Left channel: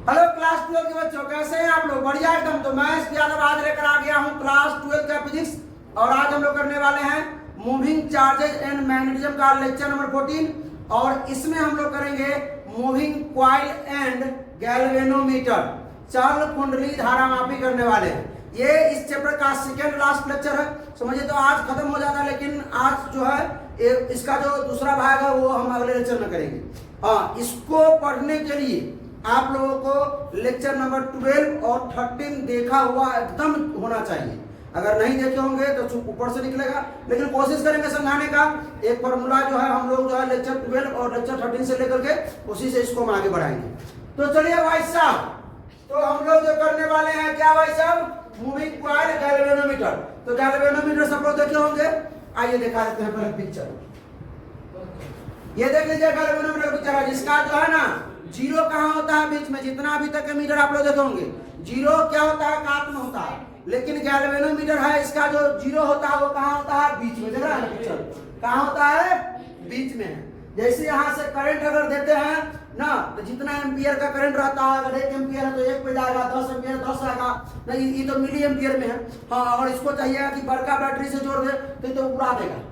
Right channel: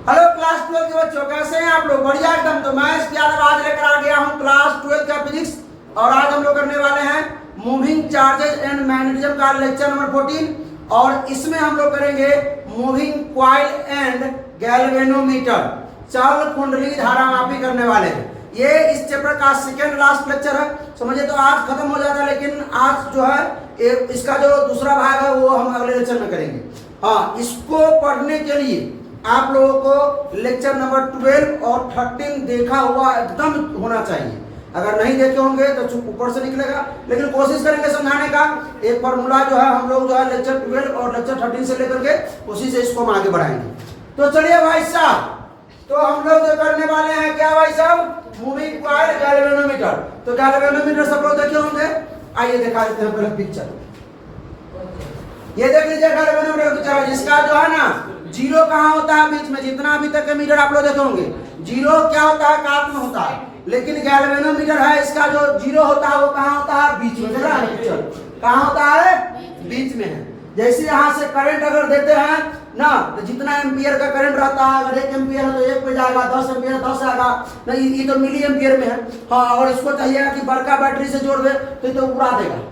Hello class 12 के बच्चों, कैसे हैं आप लोग? बढ़िया एकदम। तो मैं इसके आज लेकर आ गया हूं क्लास 12 का फिजिक्स, और आज हम लोग करने वाले हैं मूविंग चार्जेस एंड मैग्नेटिज्म का लेक्चर नंबर 14। और इसमें हम लोग करेंगे मूविंग क्वाइल एंड गैल्वेनोमीटर, चल कुंडली धारामापी करने वाले हैं। ये इस चैप्टर का सेकेंड लास्ट लेक्चर है, समझिए। तो आज खत्म हो जाता है, लेकिन आज जो है इसका जो दूसरा भाग है वो हम अगले लेक्चर में करेंगे। हाँ, इसको पढ़ने के लिए आप लोगों को लेक्चर नंबर 12 और 13 देखा हुआ एकदम होना चाहिए। अगर नहीं देखे होंगे तो चुप ऊपर से निकलेगा, लेकिन कोशिश करेंगे समझाने का। एक फार्मूला जो है हम लोग जो है लेक्चर 12 और लेक्चर 13 से लेकर के उसी से इसको हम आगे बढ़ाएंगे। तो चलिए भाई साहब, तो हम लोग जो करने वाले हैं क्या भाई साहब, मूविंग क्वाइल गैल्वेनोमीटर। तो गैल्वेनोमीटर सब लोग देखे होंगे, आइए दिखा देते हैं पहले पिक्चर। ये देख लीजिए गैल्वेनोमीटर का पिक्चर, जिसका जो है ना जीरो कहाँ होता है बीच में। जितना अभी तक के मीटर आप लोग देखे होंगे, जीरो क्या होता है, काट में होता है। लेकिन गैल्वेनोमीटर है, इसका जो जीरो होता है वो कहाँ होता है, बीच में। देख रहा है पिक्चर, कहाँ होता है, बीच में है। जैसे यहाँ से करंट अगर देते हैं ना, तो जितना एम्पियर का करंट रहता है, अगर 1 एम्पियर है तो 1 पे जाएगा, 10 एम्पियर 10 आएगा। नहीं, ये तो मिली एम्पियर में है। हाँ, और इसको चाहिए कि बड़का बैटरी से जोड़ दे तो ये तो उड़ा देगा।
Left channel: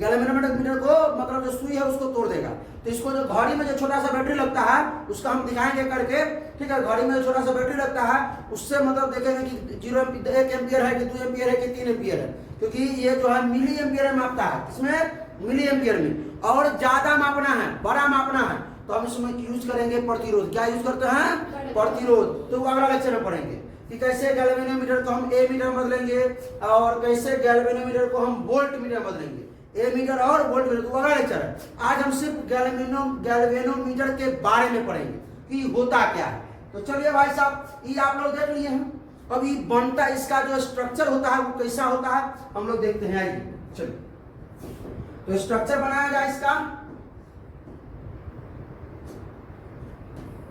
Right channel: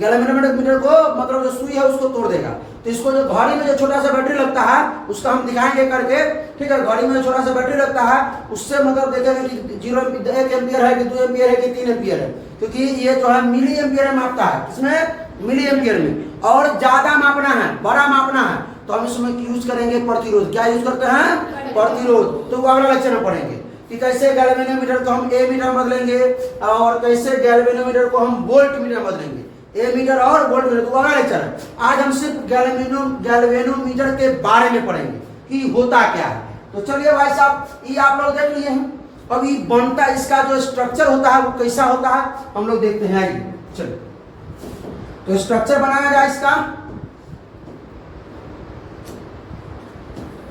गैल्वेनोमीटर को मतलब जो सुई है उसको तोड़ देगा। तो इसको जो घड़ी में जो छोटा सा बैटरी लगता है उसका हम दिखाएंगे करके, ठीक है। घड़ी में जो छोटा सा बैटरी लगता है उससे मतलब देखेंगे कि 1 एम्पियर है कि 2 एम्पियर है कि 3 एम्पियर है, क्योंकि ये जो है मिली एम्पियर में मापता है। इसमें मिली एम्पियर में, और ज्यादा मापना है, बड़ा मापना है तो हम इसमें यूज करेंगे प्रतिरोध। क्या यूज करते हैं, प्रतिरोध। तो वो अगला लेक्चर में पढ़ेंगे कि कैसे गैल्वेनोमीटर को हम ए मीटर बदलेंगे और कैसे गैल्वेनोमीटर को हम वोल्ट मीटर बदलेंगे। ए मीटर और वोल्ट मीटर तो अगला लेक्चर है। आज हम सिर्फ गैल्वेनोमीटर के बारे में पढ़ेंगे कि होता क्या है। तो चलिए भाई साहब, ये आप लोग देख लिए हैं। अब ये बनता, इसका जो स्ट्रक्चर होता है वो कैसा होता है हम लोग देखते हैं। आइए चलिए, तो स्ट्रक्चर बनाया जाए इसका।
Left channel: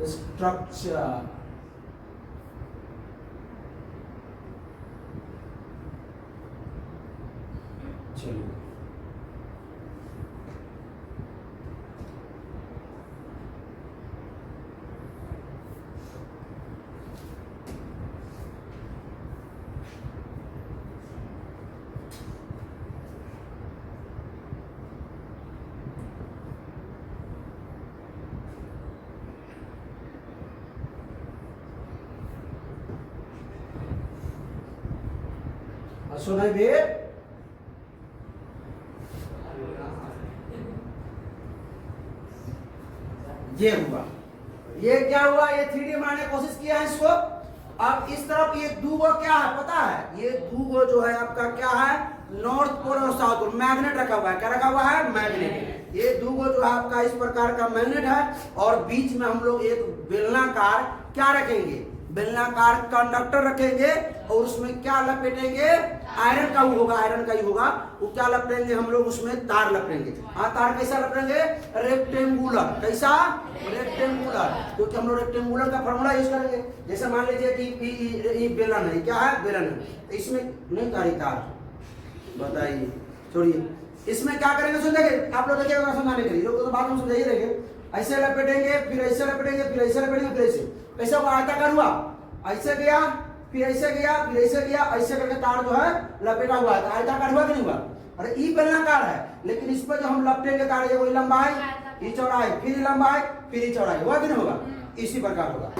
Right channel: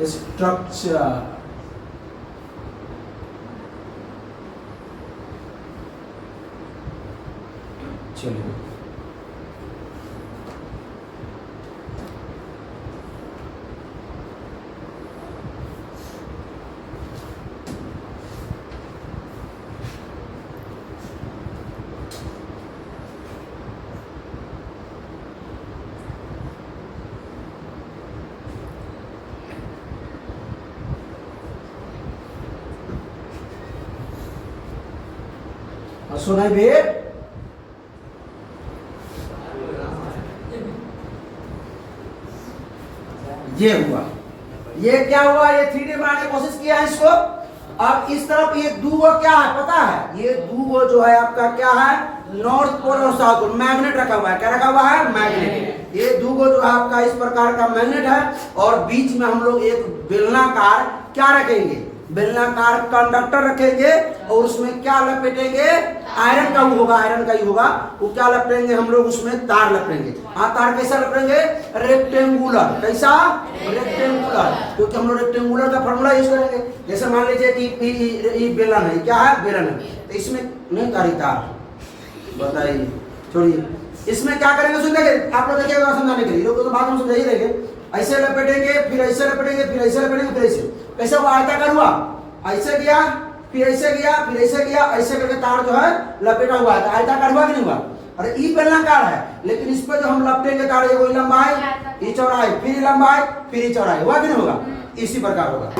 स्ट्रक्चर चलिए, सुनाई भी ये हुआ। ये क्या हुआ, ये 3D बनाने की कोशिश किया है इसको। अब इस तरफ ये दूगो क्या है पता है, ये दूगो जो है आपका क्या है, नॉर्थ पोल और साउथ पोल, मैग्नेट रखा हुआ है। क्या रखा हुआ है, मैग्नेट। ये दूगो जो है आपका इस प्रकार का मैग्नेट है, और बीच में हम लोग एक बेलनाकार क्या रखेंगे, बेलनाकार कंडक्टर रखेंगे, और उसमें क्या लपेटेंगे, आयरन का होगा, आयरन का ही होगा। वो क्या लपेटेंगे हम लोग, उसमें तार लपेटेंगे। हाँ, तार कैसा लपेटेंगे, रेक्टेंगुलर। कैसा, रेक्टेंगुलर, क्योंकि हम लोग रेक्टेंगुलर का फॉर्मूला यूज करेंगे। जैसे मान लीजिए कि बेलन है, क्या है, बेलन है, तो इसमें नहीं तारी तार, बताइए, छोड़िए। इसमें क्या करेंगे, सुन देखिए, आप लोग देखिएगा समझाने के लिए, लोग तो बात हम समझाइए। देखिए, ऐसे लपेटेंगे, फिर ऐसे लपेटेंगे, फिर ऐसे लपेटेंगे, फिर ऐसे। कैसे हुआ, आयताकार हुआ, ऐसे गया, फिर ऐसे गया, फिर ऐसे गया, ऐसे करके तार जो है लपेटा हुआ है। आयताकार हुआ कि नहीं हुआ? अरे ई बेलनाकार है, लेकिन इस पर जो हम लपेटेंगे तार, ये कोई लंबाई, ये चौड़ाई, फिर लंबाई, फिर ये चौड़ाई, हुआ कि नहीं होगा? इसी प्रकार होगा।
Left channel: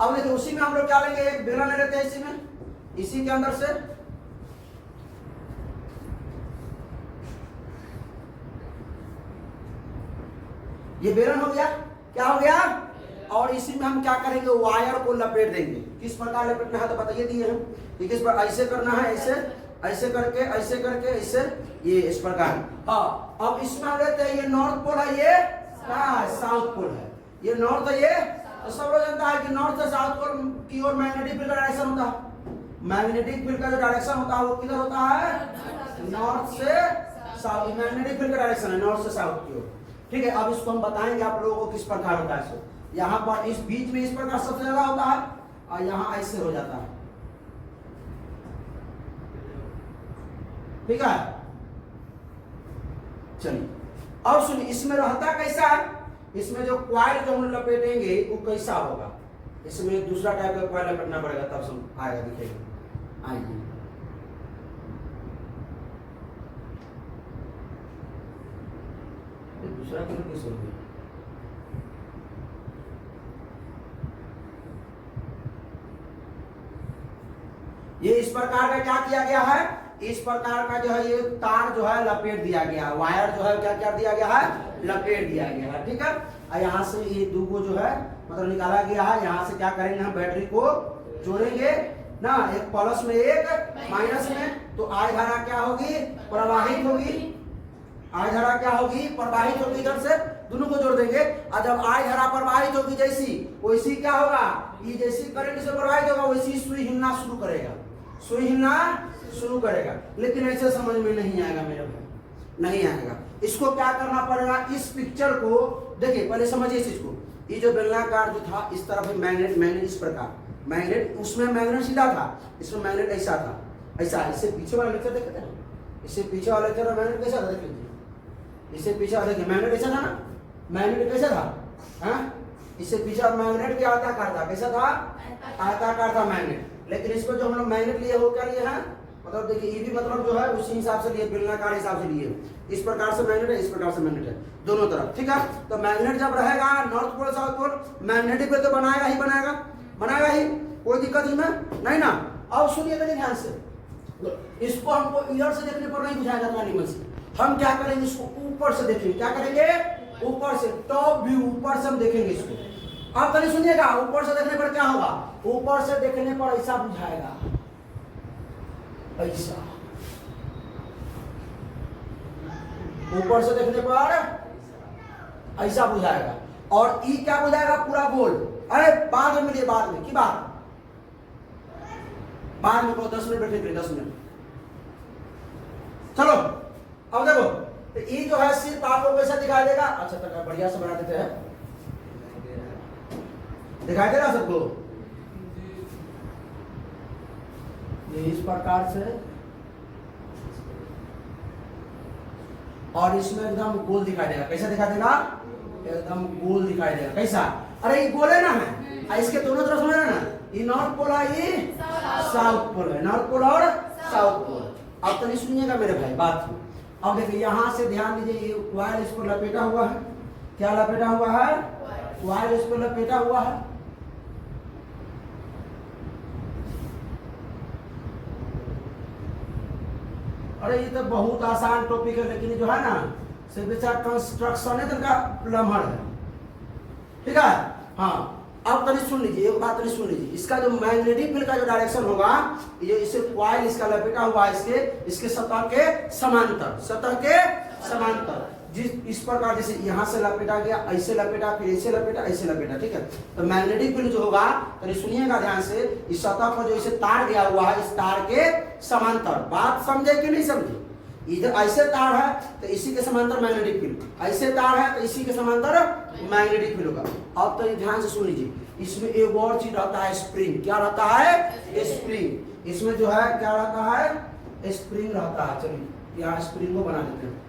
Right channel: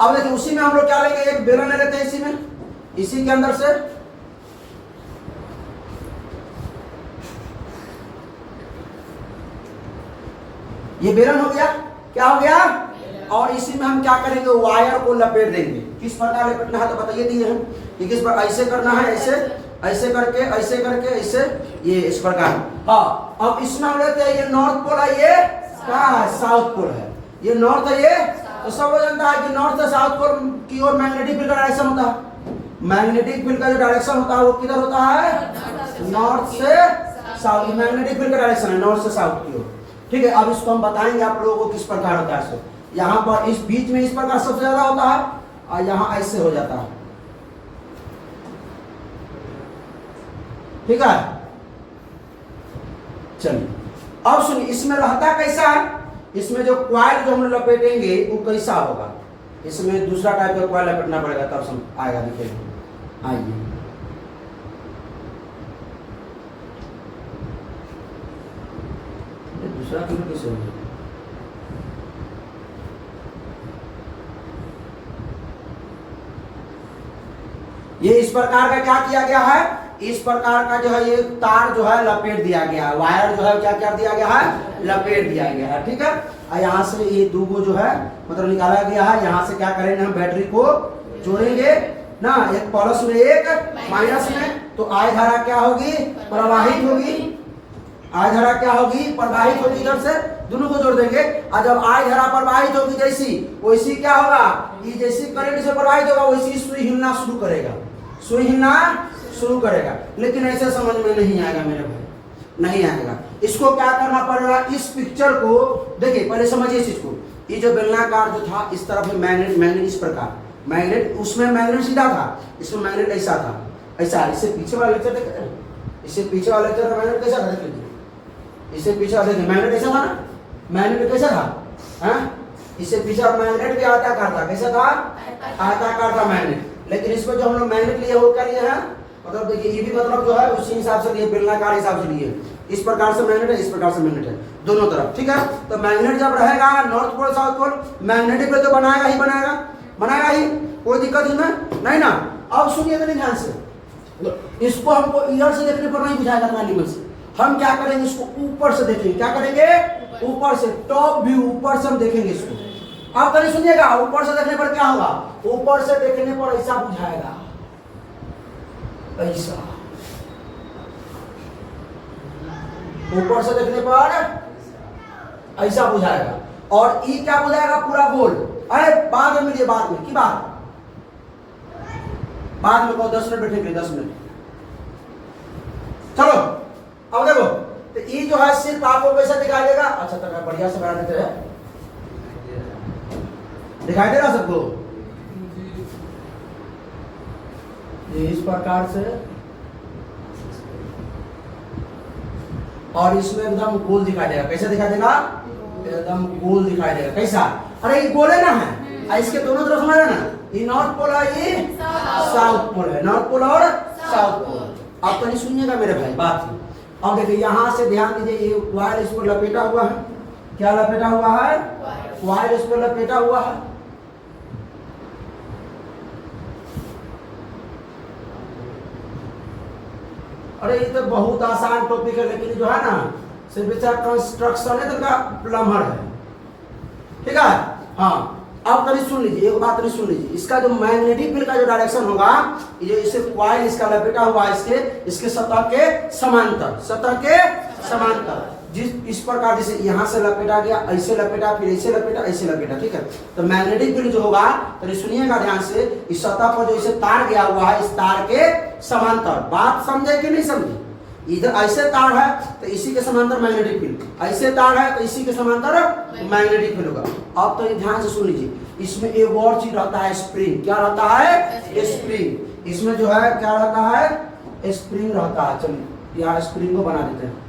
अब देखिए, उसी में हम लोग क्या लेंगे, एक बेलन ले लेते हैं इसी में, इसी के अंदर से ये बेलन हो गया। क्या हो गया, और इसी में हम क्या करेंगे, वायर को लपेट देंगे। किस प्रकार लपेटना है तो बताइए दिए हम कि किस पर, ऐसे करना है, ऐसे ऐसे करके, ऐसे करके, ऐसे, ये इस प्रकार। हाँ, अब इसमें हम लेते हैं, ये नॉर्थ पोल है, ये क्या है, साउथ पोल है। ये नॉर्थ है, ये तो सब लोग जानता है कि नॉर्थ से साउथ पोल की ओर मैग्नेटिक फील्ड का डायरेक्शन होता है। मैग्नेटिक फील्ड का जो डायरेक्शन होता है वो किधर होता है, नॉर्थ से साउथ। मैग्नेटिक फील्ड का डायरेक्शन है नॉर्थ से साउथ की ओर, ठीक है। अब इसको हम बताएंगे आप लोगों को किस प्रकार होता है। यहाँ पर इस बीच में इस प्रकार सबसे ज्यादा होता है, और यहाँ ऐसे हो जाता है, ठीक है। चलिए, अब सुनिए, इसमें रहता कैसा है, इसमें जो क्वाइल जो हम लपेटेंगे वो कैसा होगा। इसमें दूसरा टाइप का कॉइल लपेटना पड़ेगा, तब समझ आएगा, दिखेगा। आइए दूसरा क्यों कैसे होगा? ये इस प्रकार का क्या किया गया है, इस प्रकार का जो है ये तार जो है लपेट दिया गया है, वायर जो है क्या कर दिया गया है, लपेट दिया गया है, ठीक है। और यहाँ से ये दो जो है मतलब निकाला गया है, यहाँ से क्या करेंगे हम बैटरी को जोड़ेंगे ना, एक प्लस में एक माइनस में, तो आई धारा क्या होगी, प्रवाहित होगी, आई धारा क्या होगी, प्रवाहित होगी, इधर से दोनों को जोड़ देंगे। और जब आई धारा प्रवाहित होगी जैसी, वैसी क्या होगा, ये जैसी करंट से प्रवाहित होगा वैसी सुई हिलना शुरू करेगा, सुई हिलना शुरू करेगा। लेकिन ऐसे समझ में नहीं आएगा मेरे भाई, नहीं आएगा। इसको क्या करना पड़ेगा, इस पिक्चर को देखिए, पहले समझिए इस चीज को। ये जो बेलनाकार जो था, इस तरफ में मैग्नेट, मैग्नेट इस प्रकार, मैग्नेट उसमें मैग्नेट सीधा था, इसमें मैग्नेट ऐसा था, ऐसा। इससे पीछे वाला लेक्चर देख, इससे पीछे वाला लेक्चर मैग्नेट कैसा था, देख लीजिए। इससे पीछे वाला देखिए मैग्नेट कैसा था ना, मैग्नेट कैसा था, हैं? इससे पीछे मैग्नेट भी आयताकार था, कैसा था, आयताकार था मैग्नेट। लेकिन इसमें जो हम लोग मैग्नेट लिए वो क्या लिए हैं, मतलब देखिए ये भी मतलब जो है उसी हिसाब से लिए, बेलनाकार हिसाब से लिए। इस प्रकार से मैग्नेट है, इस प्रकार से मैग्नेट है, दोनों तरफ, ठीक है। तो मैग्नेट जब रहेगा north pole south pole, magnetic पे तो बनाएगा ही बनाएगा, बनाएगा ही, कोई दिक्कत इसमें नहीं ना। अब सुनिए तो ध्यान से, इसको हमको इधर से देखने पर नहीं बुझाएगा एनिमल से, हम क्या करेंगे, इसको ऊपर से देखेंगे, क्या करेंगे, ऊपर से, टॉप व्यू, ऊपर से हम देखेंगे इसको। अब कहीं सुनिएगा, ऊपर से देखने पर क्या होगा, ऊपर से देखने पर ऐसा बुझाएगा, ऐसा, ऊपर से देखने पर ऐसा बुझाएगा। और ई क्या बुझाएगा, पूरा गोल। अरे बाद में मिलिए, बाद में की बात, बाद में को 10 मिनट बैठेंगे, 10 मिनट। चलो अब देखो, तो ई जो है सिर्फ आपको कैसा दिखाई देगा, अच्छा तरह बढ़िया से बना देते हैं, दिखाई दे रहा सबको, ये इस प्रकार से, और इसमें एकदम गोल दिखाई देगा, कैसा दिखाई देगा, एकदम गोल दिखाई देगा, कैसा, अरे ये गोल है ना है, इसके दोनों तरफ हमारा ना, ये नॉर्थ पोल है, ये साउथ पोल है, नॉर्थ पोल और साउथ पोल। अब तो नहीं सुनिएगा मेरे भाई बात। अब देखिए यहां से ध्यान दीजिए, ये वायर इस पर लपेटा हुआ है, क्या लपेटा हुआ है, वायर इस पर लपेटा हुआ है। अरे ये तो बहुत आसान टॉपिक है, लेकिन जो है ना सिर्फ कंस्ट्रक्शन है, तो का प्लम्बर है, ठीक है। हाँ अब तभी सुन लीजिए, एक बात तभी सुन लीजिए, इसका जो मैग्नेटिक फील्ड का जो डायरेक्शन होगा, ये जो इसे कॉइल इसका लपेटा हुआ है, इसके सतह के समांतर, सतह के समांतर, जिस इस प्रकार जैसे यहाँ से लपेटा गया, ऐसे लपेटा, फिर ऐसे लपेटा, ऐसे लपेटा, ठीक है। तो मैग्नेटिक फील्ड जो होगा, तो सुनिएगा ध्यान से, इस सतह पर जो इसे तार गया हुआ है, इस तार के समांतर, बात समझे कि नहीं समझे, इधर ऐसे तार है तो इसी के समांतर मैग्नेटिक फील्ड, ऐसे तार है तो इसी के समांतर मैग्नेटिक फील्ड होगा। अब तो ये ध्यान से सुन लीजिए, इसमें एक और चीज रहता है, स्प्रिंग, क्या रहता है, स्प्रिंग, इसमें जो है क्या रहता है, स्प्रिंग रहता है। चलिए यहाँ स्प्रिंग को बना देते हैं,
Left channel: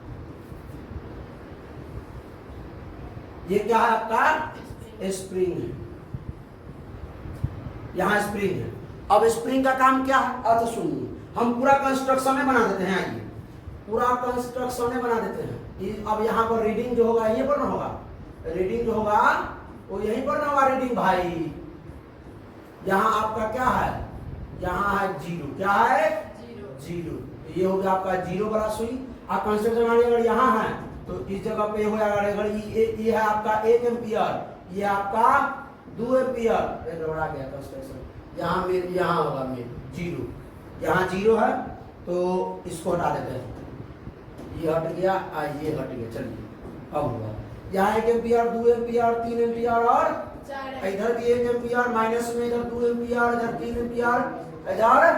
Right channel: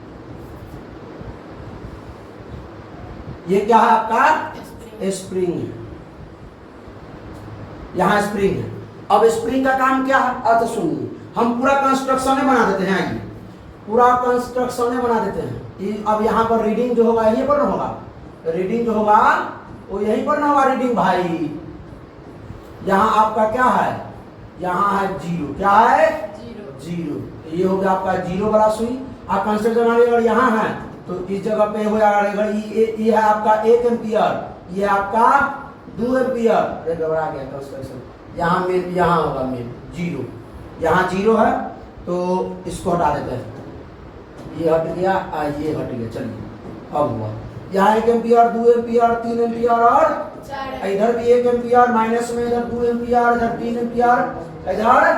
ये क्या है आपका, स्प्रिंग है, यहाँ स्प्रिंग है। अब स्प्रिंग का काम क्या है, अच्छा सुनिए, हम पूरा कंस्ट्रक्शन में बना देते हैं, पूरा कंस्ट्रक्शन में बना देते हैं। अब यहाँ पर रीडिंग जो होगा यहीं पर ना होगा, रीडिंग जो होगा वो यहीं पर ना होगा रीडिंग भाई। यहाँ आपका क्या है, यहाँ है जीरो, क्या है, जीरो, ये हो गया आपका जीरो वाला सुई। आप कंस्ट्रक्शन वाले अगर यहाँ है तो इस जगह पे हो जाएगा, ये है आपका 1 एम्पियर, ये आपका 2 एम्पियर, अरे घबरा गया कंस्ट्रक्शन, यहाँ मेन, यहाँ होगा मेन जीरो, यहाँ जीरो है तो इसको हटा देते हैं, ये हट गया, ये हट गया। चलिए अब हुआ, यहाँ 1 एम्पियर, 2 एम्पियर, 3 एम्पियर, और इधर भी 1 एम्पियर, माइनस में इधर 2 एम्पियर, इधर 3 एम्पियर, इधर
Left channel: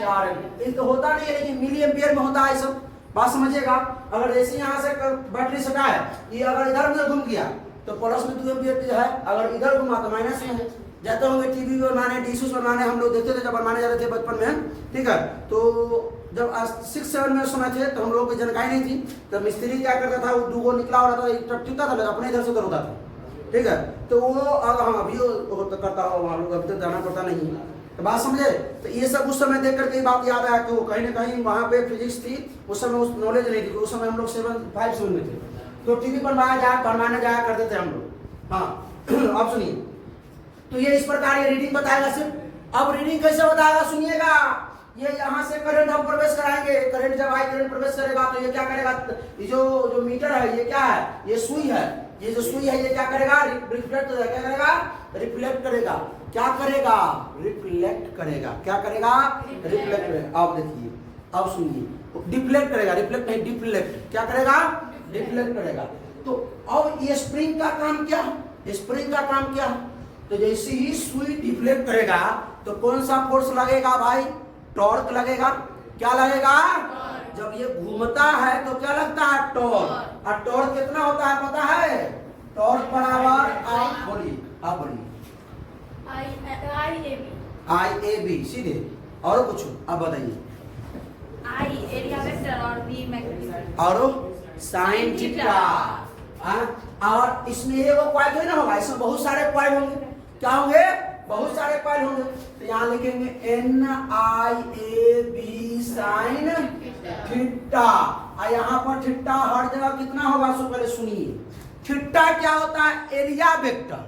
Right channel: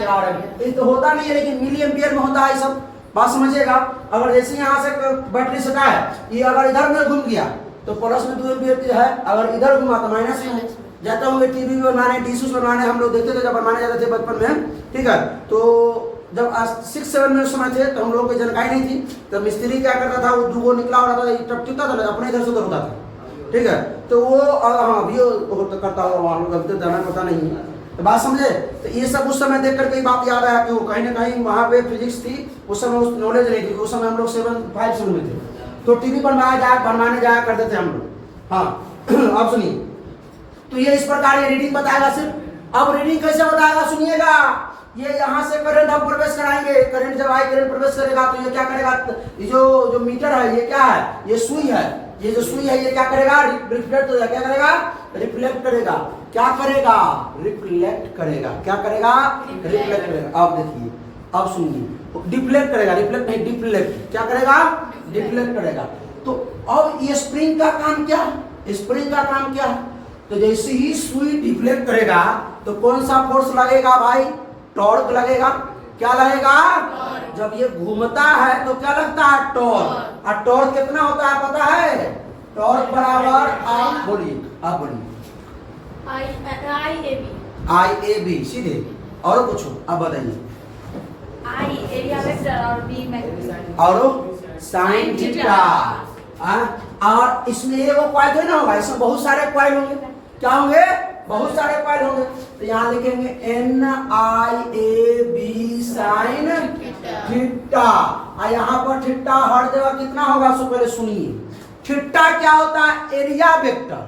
4 एम्पियर। ये तो होता नहीं है, लेकिन मिली एम्पियर में होता है सब, बात समझिएगा। अगर जैसे यहाँ से बैटरी सटा है, ये अगर इधर में घूम गया तो प्लस में 2 एम्पियर की है, अगर इधर घुमा तो माइनस में। जाते होंगे टीवी बनाने, डिशेस बनाने, हम लोग देखते थे जब बनाने जाते थे बचपन में, ठीक है। तो जब 6-7 में समय थे तो हम लोगों को जानकारी नहीं थी, तो मिस्त्री क्या करता था, वो दूगो निकला हो रहा था, टपटा था, अपने इधर से उधर होता था, ठीक है, तो वो हाँ अभी वो तो करता होगा वहाँ लोग, अभी तो जाना पता नहीं है, तो बात समझे। तो ये सब उस समय देख करके बात याद आया कि वो कहीं ना कहीं वहाँ पे फिजिक्स थी, उस समय उस नॉलेज नहीं थी, उस समय हम लोग 7 में थे, तो टीवी बनवाने जाया करते थे हम लोग। हाँ अब सुनिए, तो ये इस प्रकार ये रीडिंग बताएगा सिर्फ। अब रीडिंग कैसे बताएगा सुनिएगा, ये यहाँ से करंट हम प्रवेश कराएंगे, करंट जब आई करंट प्रवेश करेगा तो ये क्या करेगा, ये जो मीटर है ये क्या है, ये सुई है, ये जो सुई है ये क्या करेगा, रिफ्लेक्ट करेगा, क्या करेगा, रिफ्लेक्ट करेगा, क्या करेगा, रिफ्लेक्ट करेगा, क्या करेगा, रिफ्लेक्ट करेगा। अब देखिए, अब सुनिए, डिफ्लेक्ट करेगा, रिफ्लेक्ट नहीं डिफ्लेक्ट, क्या करेगा, डिफ्लेक्ट करेगा। तो अब ये स्प्रिंग का काम क्या, स्प्रिंग का काम क्या, तो जैसे ही सुई डिफ्लेक्ट करेगा तो कौन सा फोर्स लगेगा भाई, टॉर्क लगेगा, क्या लगेगा, जब ये घूमता है तो क्या लगता है, टॉर्क। और टॉर्क कितना होता है पता है, टॉर्क बराबर, आप बोलिए, आप बोलिए, आई ए बी सीधे, और कुछ अब बताइए, आई एरिया वेक्टर और बी मैग्नीट्यूड और साइन थीटा। और इसमें ये वो कॉइल थोड़ी ना होगा, इसमें बहुत सारे कॉइल होंगे, क्या होंगे, बहुत सारे कॉइल होंगे। तो यहाँ लिखेंगे N I A B sine theta, और यहाँ पर थीटा हर जगह कितना होगा, सो पहले सुनिए, थीटा क्या होता है, एरिया वेक्टर,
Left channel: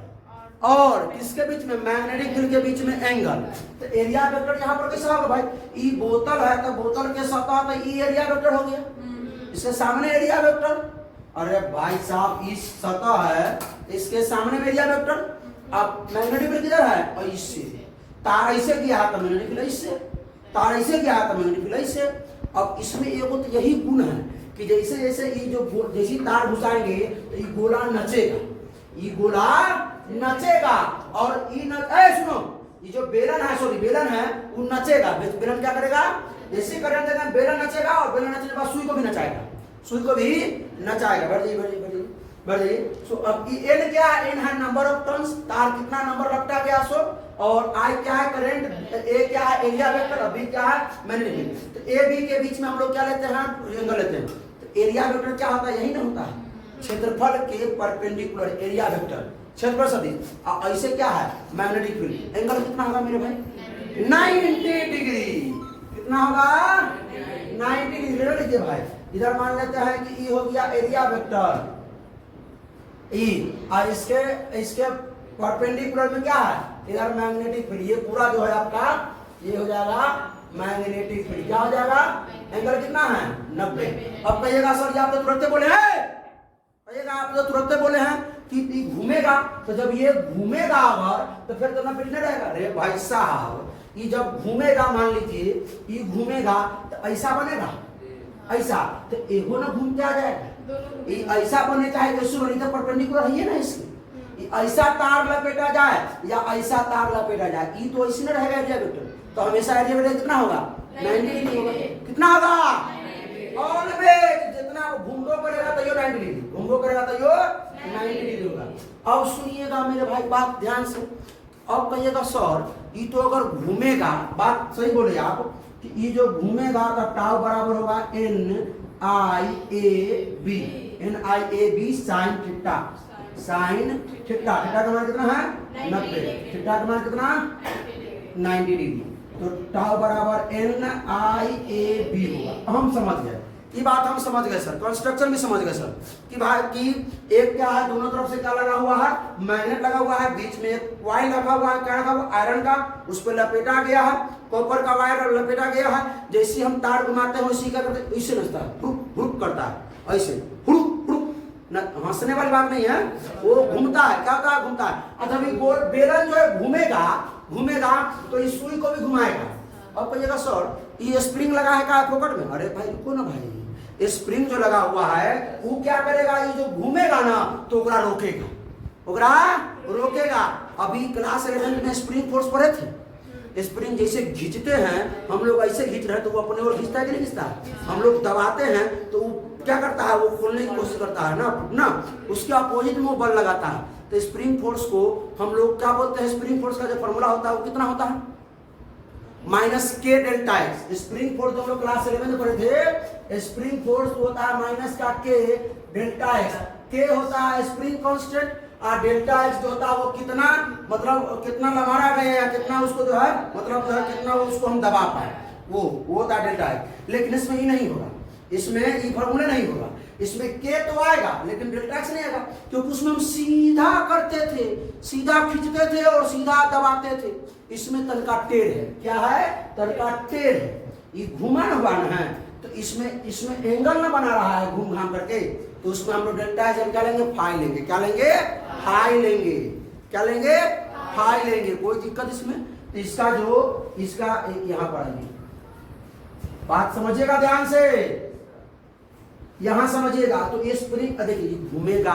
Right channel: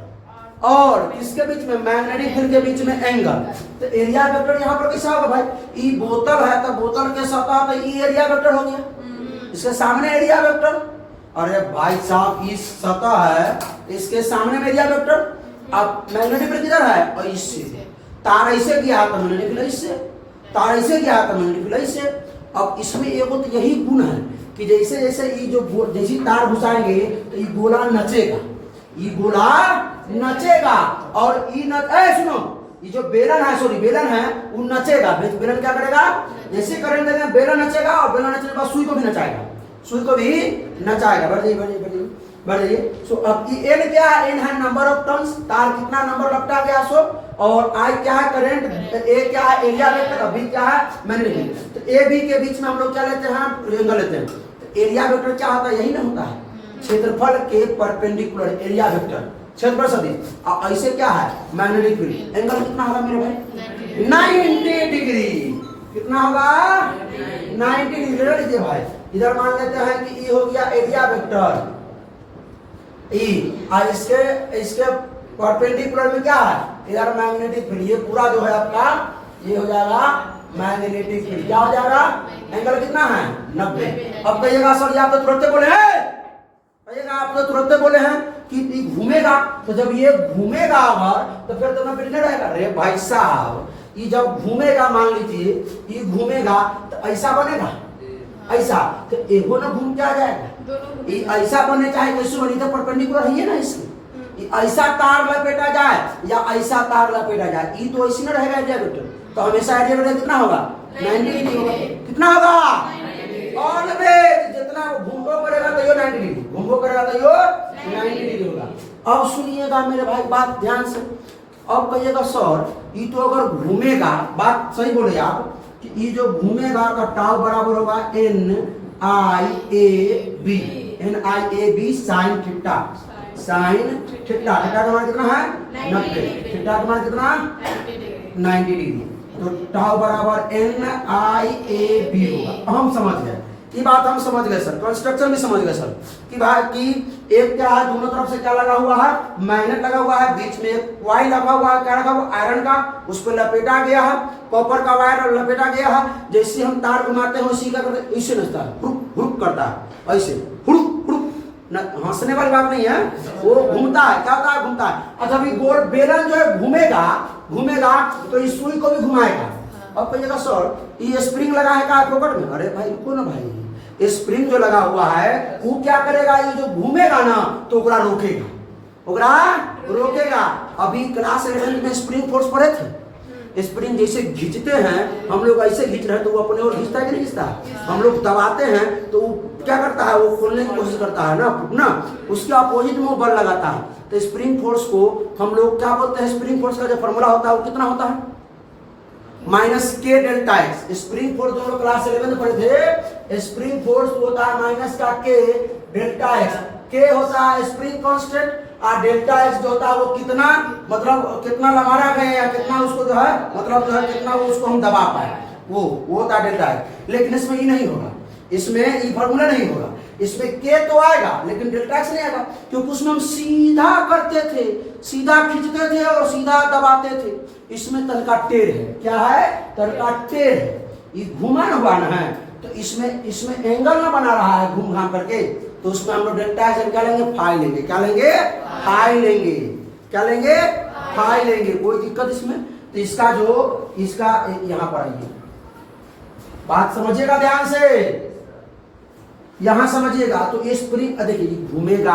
और किसके बीच में, मैग्नेटिक फील्ड के बीच में एंगल। तो एरिया वेक्टर यहाँ पर कैसा होगा भाई, ई बोतल है तो बोतल के सतह तो ई एरिया वेक्टर हो गया, इसके सामने एरिया वेक्टर, अरे भाई साहब इस सतह है, इसके सामने में एरिया वेक्टर। अब मैग्नेटिक फील्ड किधर है, और इससे तार ऐसे गया तो मैग्नेटिक फील्ड इससे, तार ऐसे गया तो मैग्नेटिक फील्ड इससे। अब इसमें एक तो यही गुण है कि जैसे जैसे ये जो जैसी तार घुसाएंगे तो ये गोला नचेगा, ये गोला नचेगा, और ये सुनो, ये जो बेलन है, सॉरी बेलन है, वो नचेगा। बेलन क्या करेगा, जैसे करंट देंगे बेलन नचेगा, और बेलन नचने के बाद सुई को भी नचाएगा, सुई को भी नचाएगा। बढ़ जाइए, बढ़ जाइए। सो अब एन क्या है, एन है नंबर ऑफ टर्न्स, तार कितना नंबर लपटा गया सो, और आई क्या है करंट, ए क्या है एरिया वेक्टर, और बी क्या है मैग्नेटिक। तो ए बी के बीच में हम लोग क्या लेते हैं, एंगल लेते हैं। तो एरिया वेक्टर क्या होता है, यही ना होता है, क्षेत्रफल के परपेंडिकुलर एरिया वेक्टर, क्षेत्रफल सदिश। ऐसे क्या है, मैग्नेटिक फील्ड, एंगल कितना होगा मेरे भाई, 90 डिग्री, कितना होगा, 90 डिग्री। ले लीजिए भाई, इधर मान लेते हैं कि ई हो गया एरिया वेक्टर ई, और इसके परपेंडिकुलर में क्या है, इधर मैग्नेटिक फील्ड, ये पूरा जो है आपका ये हो जाएगा मैग्नेटिक फील्ड, क्या हो जाएगा, एंगल कितना है 90। अब कहिएगा सर ये आप तो तुरंत बोले हैं, कहिएगा आप तो तुरंत बोले हैं कि घूमेगा, तो जब ये घूमेगा अगर तो फिर तो 90 नहीं रहेगा। अरे भाई साहब ये जब घूमेगा, मान लीजिए ये घूमेगा तो ऐसा बनेगा, ऐसा, तो एगो ना घूम के आ जाएगा, ये ऐसा बने चाहे वैसे बनी, तो परपेंडिकुलर है ना इसके, ऐसा तार लपेटा जाए या ऐसा तार लपेटा जाए, ये तो ऐसे ना रहेगा एरिया वेक्टर, तो हमेशा एरिया वेक्टर कितना होगा, 90 डिग्री होगा, कितना होगा, ऑलवेज जितना घूमो करेगा तो ये 90 डिग्री, घूमो करेगा तो ये 90 डिग्री होगा। अब सुनिएगा मेरे भाई बात ध्यान से, अब कहिएगा सर ये तो अगर घूमेगा, बात सही बोले आप, कि ये जो घूमेगा का टाउ बराबर होगा N I A B, N I A B sine theta, sine theta, theta का मान कितना है 90, थीटा का मान कितना 90 डिग्री, तो टाउ बराबर एन आई ए बी होगा। हम समझ गए, ये बात हम समझ गए सर, कंस्ट्रक्शन भी समझ गए सर, कि भाई कि एक क्या है, दोनों तरफ से क्या लगा हुआ है, मैग्नेट लगा हुआ है, बीच में एक वायर लगा हुआ है, क्या लगा हुआ आयरन का, उस पर लपेटा गया है, कॉपर का वायर लपेटा गया है, जैसे हम तार घुमाते हैं उसी का करते, इससे नचता है, हुड़ुक हुड़ुक करता है, ऐसे हुड़ुक हुड़ुक, हंसने वाली बात नहीं है, वो घूमता है, क्या होता है, घूमता है। अच्छा अभी गोल बेलन जो है घूमेगा तो इस सुई को भी घुमाएगा। अब कहिएगा सर ये स्प्रिंग लगा है का पॉकेट में, अरे भाई रुको ना भाई, स्प्रिंग जो लगा हुआ है वो क्या करेगा, ये जो घूमेगा ना तो ओकरा रोकेगा। अभी क्लास 11 में स्प्रिंग फोर्स पढ़े थे, स्प्रिंग जैसे खींचते हैं हम लोग, ऐसे खींच रहे हैं तो वो अपने और खींचता है कि नहीं खींचता, हम लोग दबाते हैं तो वो क्या करता है, वो खोलने की कोशिश करता है ना, उसके अपोजिट में वो बल लगाता है। तो स्प्रिंग फोर्स को हम लोग क्या बोलते हैं, स्प्रिंग फोर्स का जो फॉर्मूला होता है वो कितना होता है, माइनस के डेल्टा एक्स। स्प्रिंग फोर्स जो लोग क्लास 11 में पढ़े थे, स्प्रिंग फोर्स होता है माइनस का के डेल्टा एक्स, के होता है स्प्रिंग कांस्टेंट और डेल्टा एक्स जो होता है वो कितना मतलब कितना लगा गया या कितना उसको जो है मतलब जो है कितना वो उसको हम दबा पाए, वो होता है डेल्टा एक्स। लेकिन इसमें ये नहीं होगा, इसमें ये फॉर्मूला नहीं होगा, इसमें के तो आएगा लेकिन डेल्टा एक्स नहीं आएगा, क्योंकि उसमें हम सीधा करते थे, सीधा खींचते थे और सीधा दबाते थे। इसमें तनका टेढ़ है, क्या है तनका टेढ़ है, ये घुमा हुआ ना है, तो इसमें एंगल ना बना रहा है घूम घाम करके, तो उसमें हम लोग डेल्टा एक्स क्या लेंगे फाई लेंगे, क्या लेंगे फाई लेंगे, क्या लेंगे फाई लेंगे, कोई दिक्कत इसमें। तो इसका जो इसका यहां पर आइए, बात समझिएगा ध्यान से, यहां समझिएगा। तो ये स्प्रिंग देखिए घूमेगा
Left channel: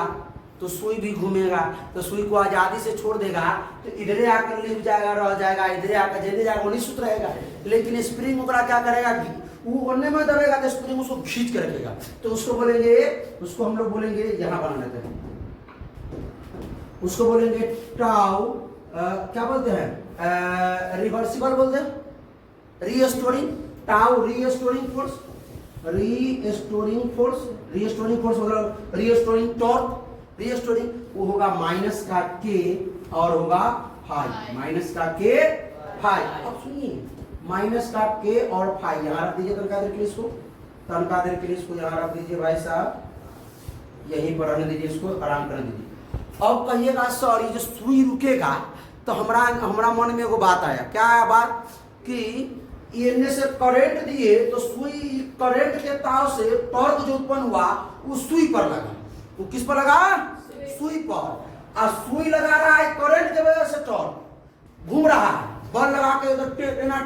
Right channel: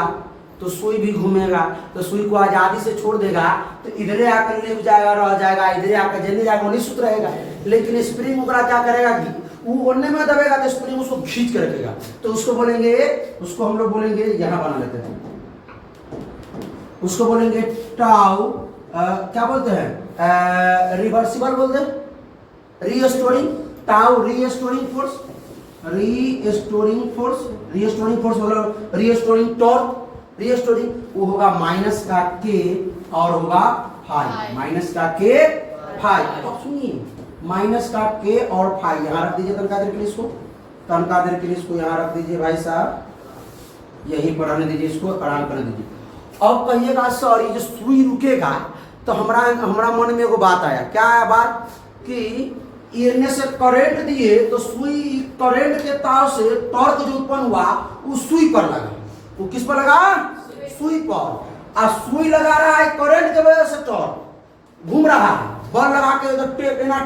तो सुई भी घूमेगा, तो सुई को आजादी से छोड़ देगा तो इधरे आकर ले जाएगा, रह जाएगा, इधरे आकर जल्दी जाएगा, वही सूत्र रहेगा। लेकिन स्प्रिंग ओकरा क्या करेगा, वो ओढ़ने में दबेगा तो स्प्रिंग उसको खींच के रखेगा, तो उसको बोलेंगे, उसको हम लोग बोलेंगे यहां बना लेते हैं, उसको बोलेंगे टाउ क्या बोलते हैं रिवर्सिबल बोलते हैं, restoring tau restoring force, restoring force, restoring force मतलब रीस्टोरिंग टॉर्क, रीस्टोरिंग वो होगा माइनस का के और होगा फाई, माइनस का के फाई। अब सुनिए माइनस का के और फाई यहां रख दीजिए, तनका देर के लिए इसको, तनका देर के लिए इसको यहां रख दीजिए भाई साहब, यहीं पर रहने दीजिए, इसको आराम करने दीजिए। अब कहिएगा सर ये जो सुई रुकेगा, तो हमारा मन में एगो बात आया, क्या आया बात कि इनमें से करंट दिए तो सुई करंट के तार से टॉर्क जो उत्पन्न हुआ वो सुई पर लगा, वो किस पर लगा सुई पर, और सुई लगा रहा है करंट की वजह से टॉर्क घूम रहा है, बल लगा के उधर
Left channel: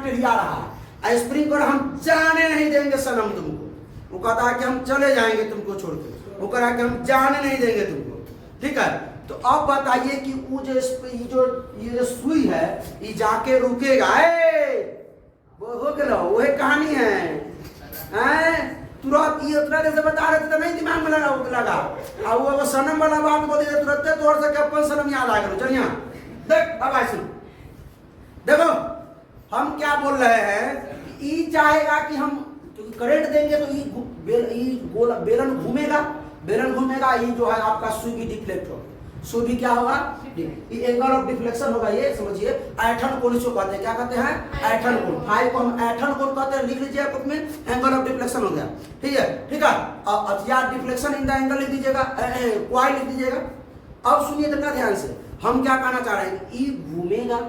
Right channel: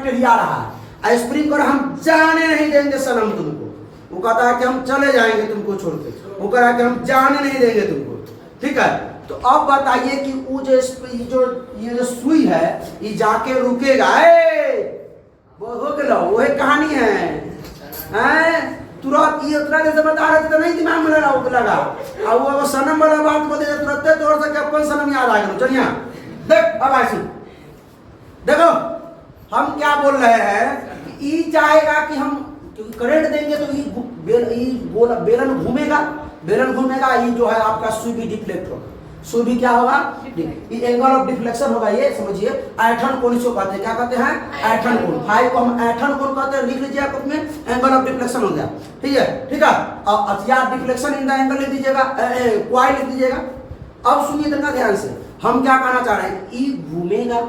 टेढ़िया रहा है, स्प्रिंग पर हम जाने नहीं देंगे सनम तुमको, वो कहता है कि हम चले जाएंगे तुमको छोड़ के, वो कह रहा है कि हम जाने नहीं देंगे तुमको, ठीक है। तो अब बताइए कि वो ये जो सुई है ये जाके रुकेगा, वो हो गया वही कहानी है, तुरंत ये उतना जैसे बता रहे थे तो नहीं दिमाग में लगा, और वो सनम वाला बात बोलते तुरंत तौर से कब कौन सनम याद आ गया, चलिए देख अब ऐसे देखो हम क्या बोल रहे हैं, ये चाहेगा कि हम करंट देंगे तो ये बेलन घूमेगा, बेलन घूमेगा, ये जो है आपका सुई भी डिफ्लेक्ट होगा, सुई भी क्या होगा ये एंगल ऑफ डिफ्लेक्शन होगा, ये समझिए ऐठन कोण इसको कहते हैं, क्या कहते हैं ऐठन कोण, फाई को हम ऐठन कोण कहते हैं, लिख लीजिए आप में एंगल ऑफ डिफ्लेक्शन हो गया, ठीक है ठीक है। अब अतियार डिफ्लेक्शन इन द एंगल लिख दीजिएगा, क्वाई लिख दीजिएगा। अब सुनिए इतना ध्यान से, हम क्या कहना चाह रहे हैं, ये घूमेगा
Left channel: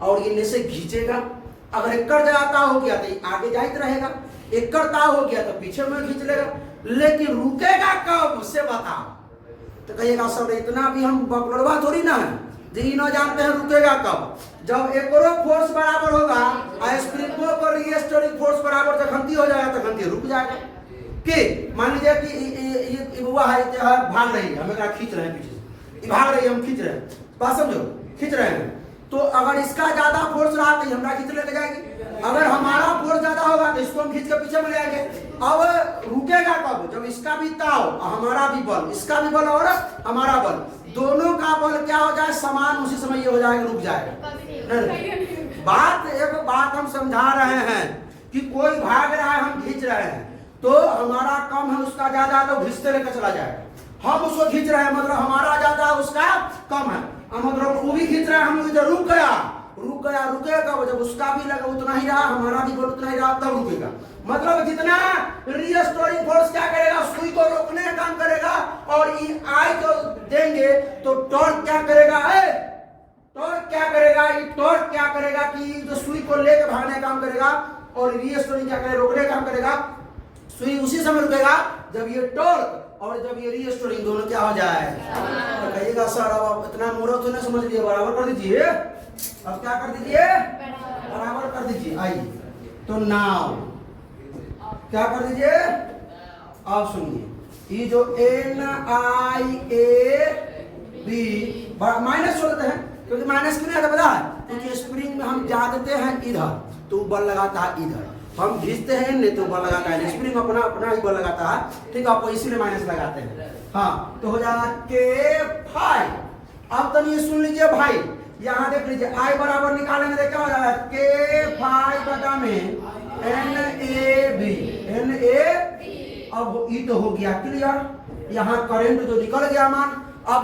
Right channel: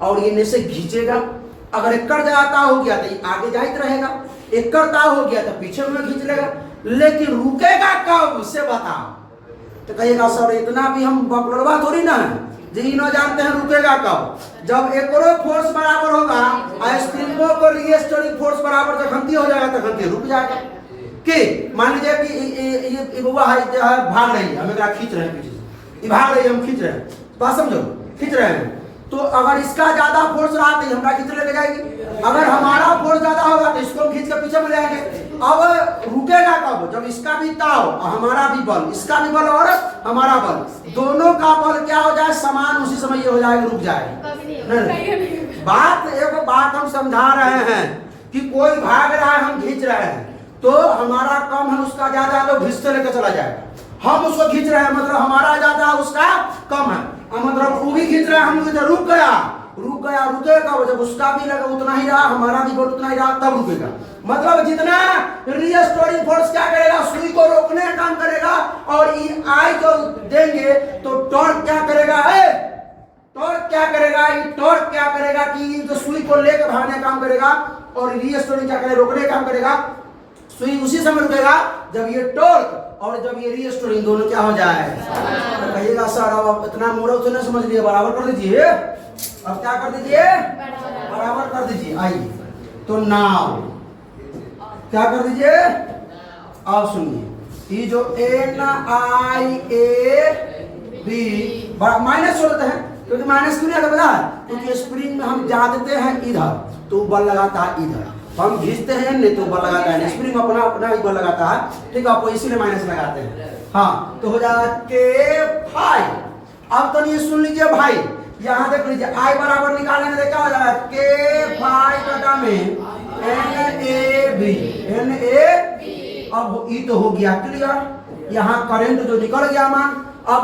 और ये से खींचेगा, अगर एक कर जाता हो गया तो ये आगे जाते रहेगा, एक करता हो गया तो पीछे में खींच लेगा, लेकिन रुकेगा कब से बताओ, तो कहिएगा सर इतना भी हम बकलवा थोड़ी ना है जी न जानते हैं रुकेगा कब, जब एक फोर्स बराबर होगा और स्प्रिंगों को रीस्टोरिंग फोर्स बराबर जब घंटी हो जाएगा तो घंटी रुक जाएगा। कि मान लीजिए कि ये बुआ है भाग रही है, हम एक खींच रहे हैं पीछे से, ये भाग रही है हम खींच रहे हैं, बात समझो खींच रहे हैं, तो अगर इसका ज्यादा फोर्स रहा तो हमरा खींच लेके जाएगी, अगर हमारा फोर्स ज्यादा होगा तो इसको हम खींच के पीछे में ले आएंगे। अब रुकेगा कब, जब इसका भी ताव हमारा भी बल, इसका भी बल और हमारा बल, दोनों का बल क्या हो जाए समान, उसी समय ये हो जाएगा रुक जाएगा। बात एक बात हम समझा रहे हैं कि कोई भाग रहा है हम खींच रहे हैं, तो हमारा कम है उसका ज्यादा, तो घिसते लेकर चला जाएगा, हम उसको खींच रहे हैं मतलब हमारा ज्यादा उसका कम है, मतलब वो भी खींच रहे हैं, हम रुक गया रुकेगा, जब उसका भी लगा उतना ही रहा, हमारा भी बल उतना ही रहा, तब रुकेगा। मतलब जितना रीस्टोरिंग फोर्स क्या करेगा, सुई को रोकने का काम करेगा, और ई आई को देंगे तो टॉर्क क्या करेगा, टॉर्क क्या करेगा, ये टॉर्क क्या करेगा कि जो सुई को लेकर भागने का काम करेगा, और रीस्टोरिंग क्या करेगा रोकने का काम करेगा, सुई उसी समय रुकेगा जब ये टॉर्क और जब ये रीस्टोरिंग दोनों क्या हो जाए। तो कहिएगा सर अब इतना मोड़ो तो नहीं समझ लिए, बराबर कर दीजिए, अब क्या कर दीजिए बराबर कर दीजिए। आइए तो नाउ क्या कर दीजिए, अब सुनिए ये जो N I A B minus होते हैं, क्योंकि माइनस क्यों नहीं पता है, क्योंकि स्प्रिंग में हम जाते हैं इधर तो बल लगाता है इधर, हम घिसते हैं नहीं तो बल लगाता है, स्प्रिंग अपना अपना ही बल लगाता है, ठीक है, आप इसीलिए माइनस लगाते हैं। हाँ तो हो जाएगा के फाई। अब तो ये सुन लीजिए भाई, यहाँ देख लीजिए आई बराबर निकालेंगे तो क्या हो जाएगा के फाई बटा में N A B, N A, अब ई तो हो गया क्लियर, यहाँ करंट जो निकल गया मान, अब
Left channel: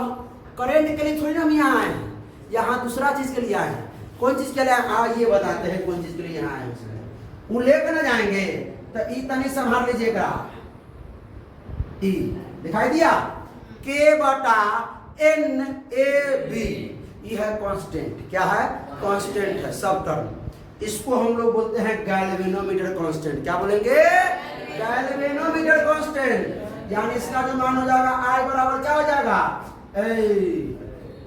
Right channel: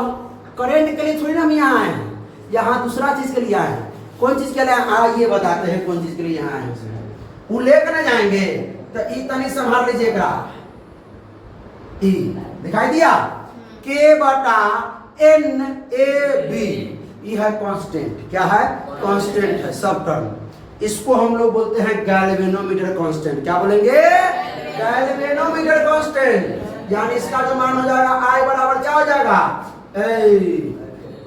करंट के लिए थोड़ी ना हम यहाँ आए हैं, यहाँ दूसरा चीज के लिए आए हैं। कौन चीज के लिए आइए बताते हैं कौन चीज के लिए यहाँ आए हैं। वो लेकर ना जाएंगे तो ई तनी संभाल लीजिएगा। ई दिखाई दिया, के बटा एन ए बी, ये है कांस्टेंट। क्या है? कांस्टेंट है सब टर्म। इसको हम लोग बोलते हैं गैल्वेनोमीटर कांस्टेंट। क्या बोलेंगे? Galvanometer constant. यानी इसका जो मान हो जाएगा आई बराबर क्या हो जाएगा?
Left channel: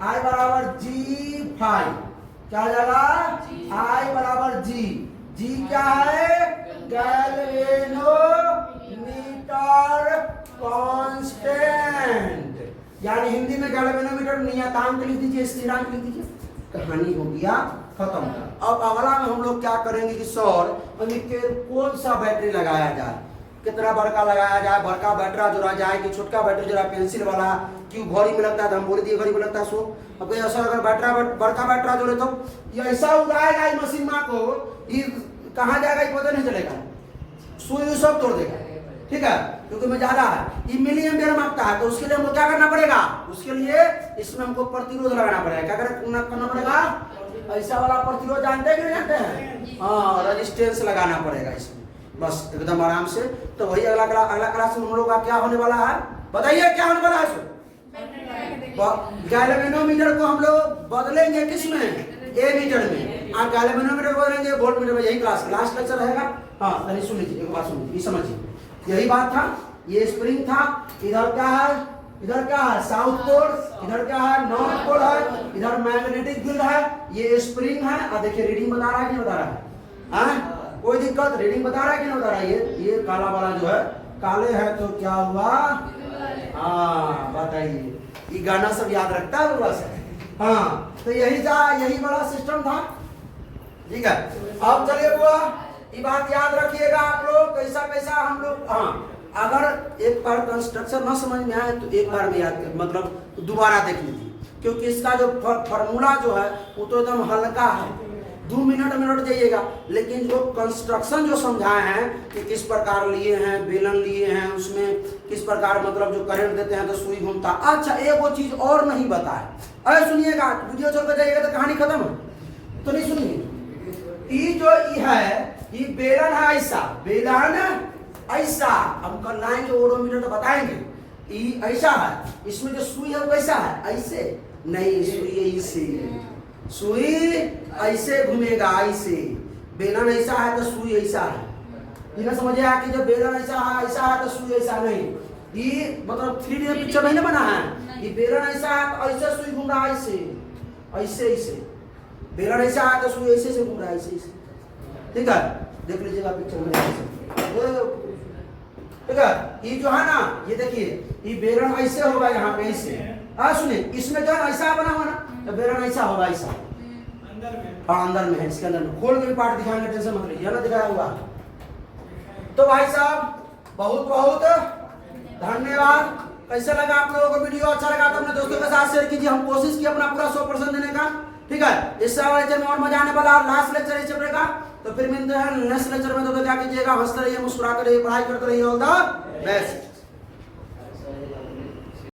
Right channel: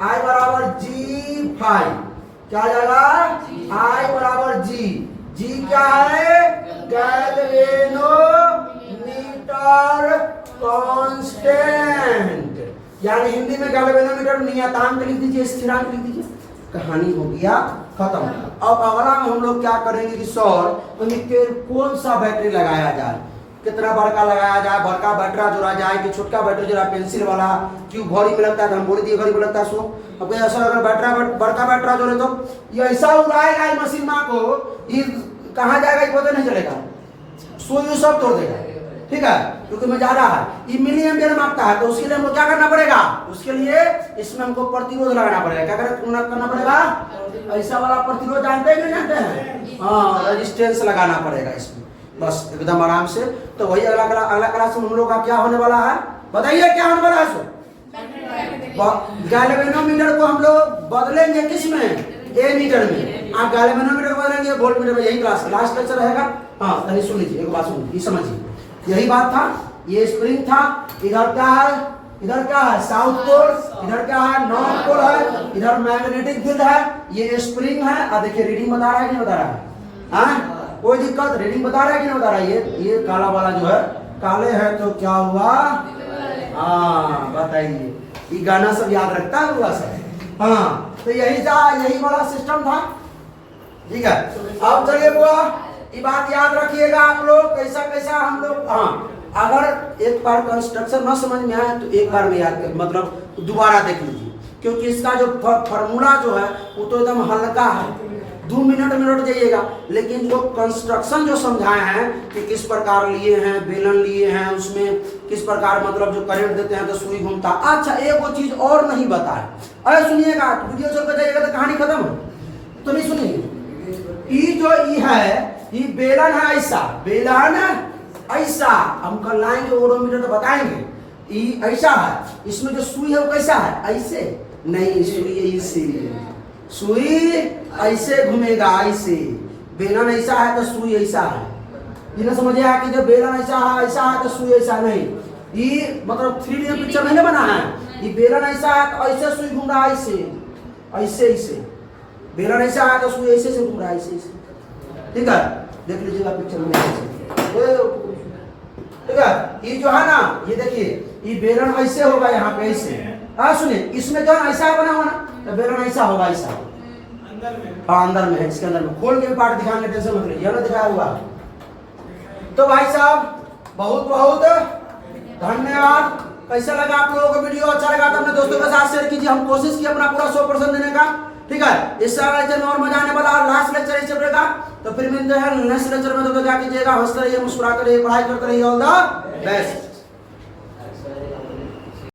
आई बराबर G5। क्या हो जाएगा? आई बराबर G। G क्या है? Galvanometer constant. यानी हिंदी में गैल्वेनोमीटर नियतांक लिख दीजिए, स्थिरांक लिख दीजिए, कहानी हो गया खत्म। अब अगला में हम लोग क्या करेंगे कि सर कौन सा बैटरी लगाया जाए, कितना बड़का लगाया जाए, बड़का बैटरा जोड़ा जाए कि छोटका बैटरी जोड़ा, पेंसिल वाला क्यों घड़ी में लगता है, तो हम बोल दिए घड़ी में लगता है। सो अब ऐसा अगर बड़का बैटरा जोड़े तो ये ऐसा उड़ाएगा मशीन माँ को, ये कहाँ जाएगा ये पता नहीं चलेगा, सुई सब तोड़ देगा। ठीक है, क्योंकि में ज्यादा है, ये मिली एम्पियर मांगता है, तो उसके लिए हमको क्या करना पड़ेगा? उसके लिए इसमें हमको प्रतिरोध लगाना पड़ेगा। क्या करना पड़ेगा? ऐसा वाला प्रतिरोध जानते हैं, जानते हैं? हाँ, रेजिस्टेंस लगाना पड़ेगा इसमें, बस एकदम आराम से। तो वही अगला क्लास में हम लोग का क्या होने वाला है, बताइए क्या होने वाला है? सो गैल्वेनोमीटर को हम लोग बदलेंगे किस में? ए मीटर में। आप गैल्वेनोमीटर को बदलेंगे वोल्ट मीटर में। यही क्लास लास्ट लेक्चर रहेगा। हाँ, तनी सुन लीजिए, एक बात सुन लीजिए, समझिए, यही बात था। ये स्प्रिंग था, इधर क्या है? इधर क्या है? South pole. इधर क्या है? नॉर्थ पोल है। इधर मैग्नेटिक फील्ड है, ये स्प्रिंग है। अब देखिए रीडिंग बता रहा है कि नहीं बता रहा है? हाँ, कोई दिक्कत? रीडिंग बता रहा है कि नहीं बता रहा है? ये काला वाला जो है, काले है तो क्या हुआ? हाँ बताइए, ये गाना सब याद रखता है थोड़ा सा। हाँ, तो यही बड़ा सिस्टम था। ठीक है, अब चलिए बुआ, ये बात याद रखिएगा आप लोग, कैसा कैसा हम लोग। हाँ, अगर एक बार कंस्ट्रक्शन न समझ में आए तो एक बार में याद कर, मतलब दोबारा देख लीजिए, क्योंकि इसका जो फॉर्मूला जो है वो तो एकदम हल्का है, 2 मिनट जाइएगा। लेकिन जो कंस्ट्रक्शन जो समझाए हैं कि किस प्रकार लिए हैं, बेलन लिए हैं, उसमें किस प्रकार मतलब जो करंट देते हैं तो सुई घूमता। अच्छा, एक वो चीज और नहीं बताए, अरे सुनिएगा, वीडियो चल कर जाइएगा तो कहानी खत्म है, तो नहीं सुनिए। ये जो ये है, ये बेलन है, ऐसा बेलन ऐसा, हम कल लाएंगे ओडोमीटर तो बताएंगे। ये ऐसा है, इसमें जो सुई है वो कैसा है? ऐसे नहीं, सुई ऐसे, सुई ऐसे घूमेगा, ऐसे। बेलन ऐसा है तो सुई ऐसा है। ये ना समझे कि जब बेलन ऐसा है तो सुई ऐसा नहीं। ये मतलब 3D पिक्चर नहीं बना है, ये बेलन ऐसा है तो ऐसे सुई घूम रहा है, ऐसे ऐसे। बेलन ऐसा है तो सुई ऐसे से घूम रहा है, ऐसे। ठीक है, देख लीजिएगा पिक्चर में ऐसे। ठीक है, ये जो है ना, ये देखिए, ये बेलन ऐसे होगा यहाँ पे, ऐसे। हाँ सुनिए, इसमें जो है ऐसा बना हुआ ना, तो बेलन ऐसा होगा, ऐसा अंदर में। हाँ, अंदर में है, इसके अंदर में खोल के भी पार्ट दिखाएंगे, टेंशन मत लीजिए, ना दिखाया हुआ। तो भाई साहब बहुत बहुत धन्यवाद। कैसा लगा आप लोगों को वीडियो? अच्छा लगा तो अपने दोस्तों के साथ शेयर कीजिए। हम कोशिश की अपना पूरा 100% देने का। ठीक है, इस लेक्चर में और मजा आने वाला, लास्ट लेक्चर इस चैप्टर का। तो फिर मिलते हैं नेक्स्ट लेक्चर में। तो क्या कीजिएगा, हंसते रहिए, मुस्कुराते रहिए, पढ़ाई करते रहिए। All the best.